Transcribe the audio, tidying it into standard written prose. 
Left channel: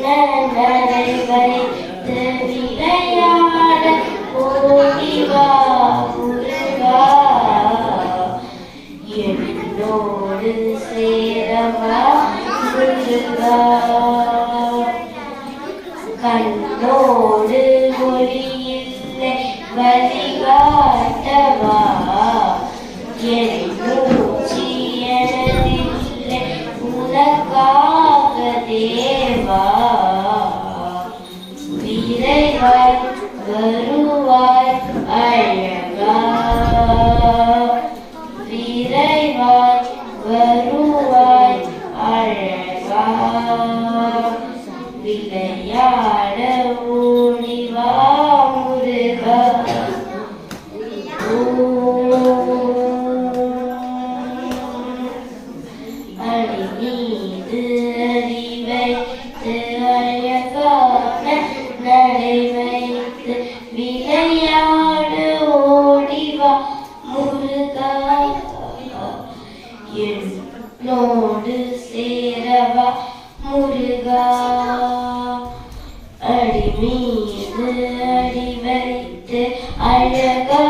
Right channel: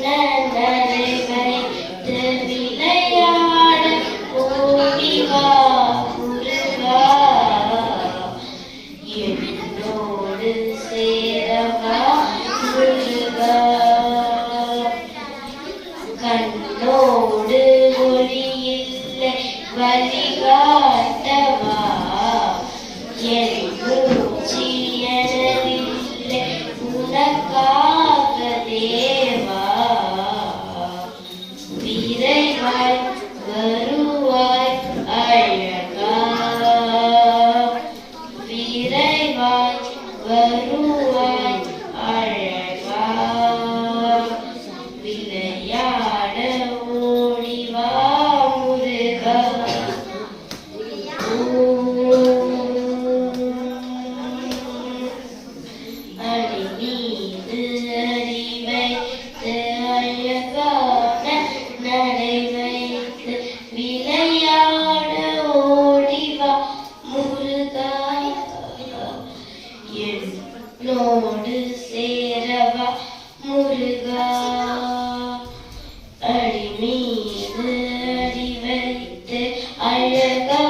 நடை வைத்து விளையாட ஓடிவா முருகா என்னோடு சேரவா முருகா கண்ணோடு ஒளியில்லை வழிகாட்டவா என் மூச்சு எனதில்லை உனக்காக தேவா விரைவாய் வருவாய் அழகா விரைவாய் வருவாய் அழகா விளையாட ஓடிவா முருகா அடி மீது அடி வைத்து அழகான நடை வைத்து விளையாட ஓடிவா முருகா என்னோடு சேரவா முருகா அடி மீது அடி வைத்து அழகா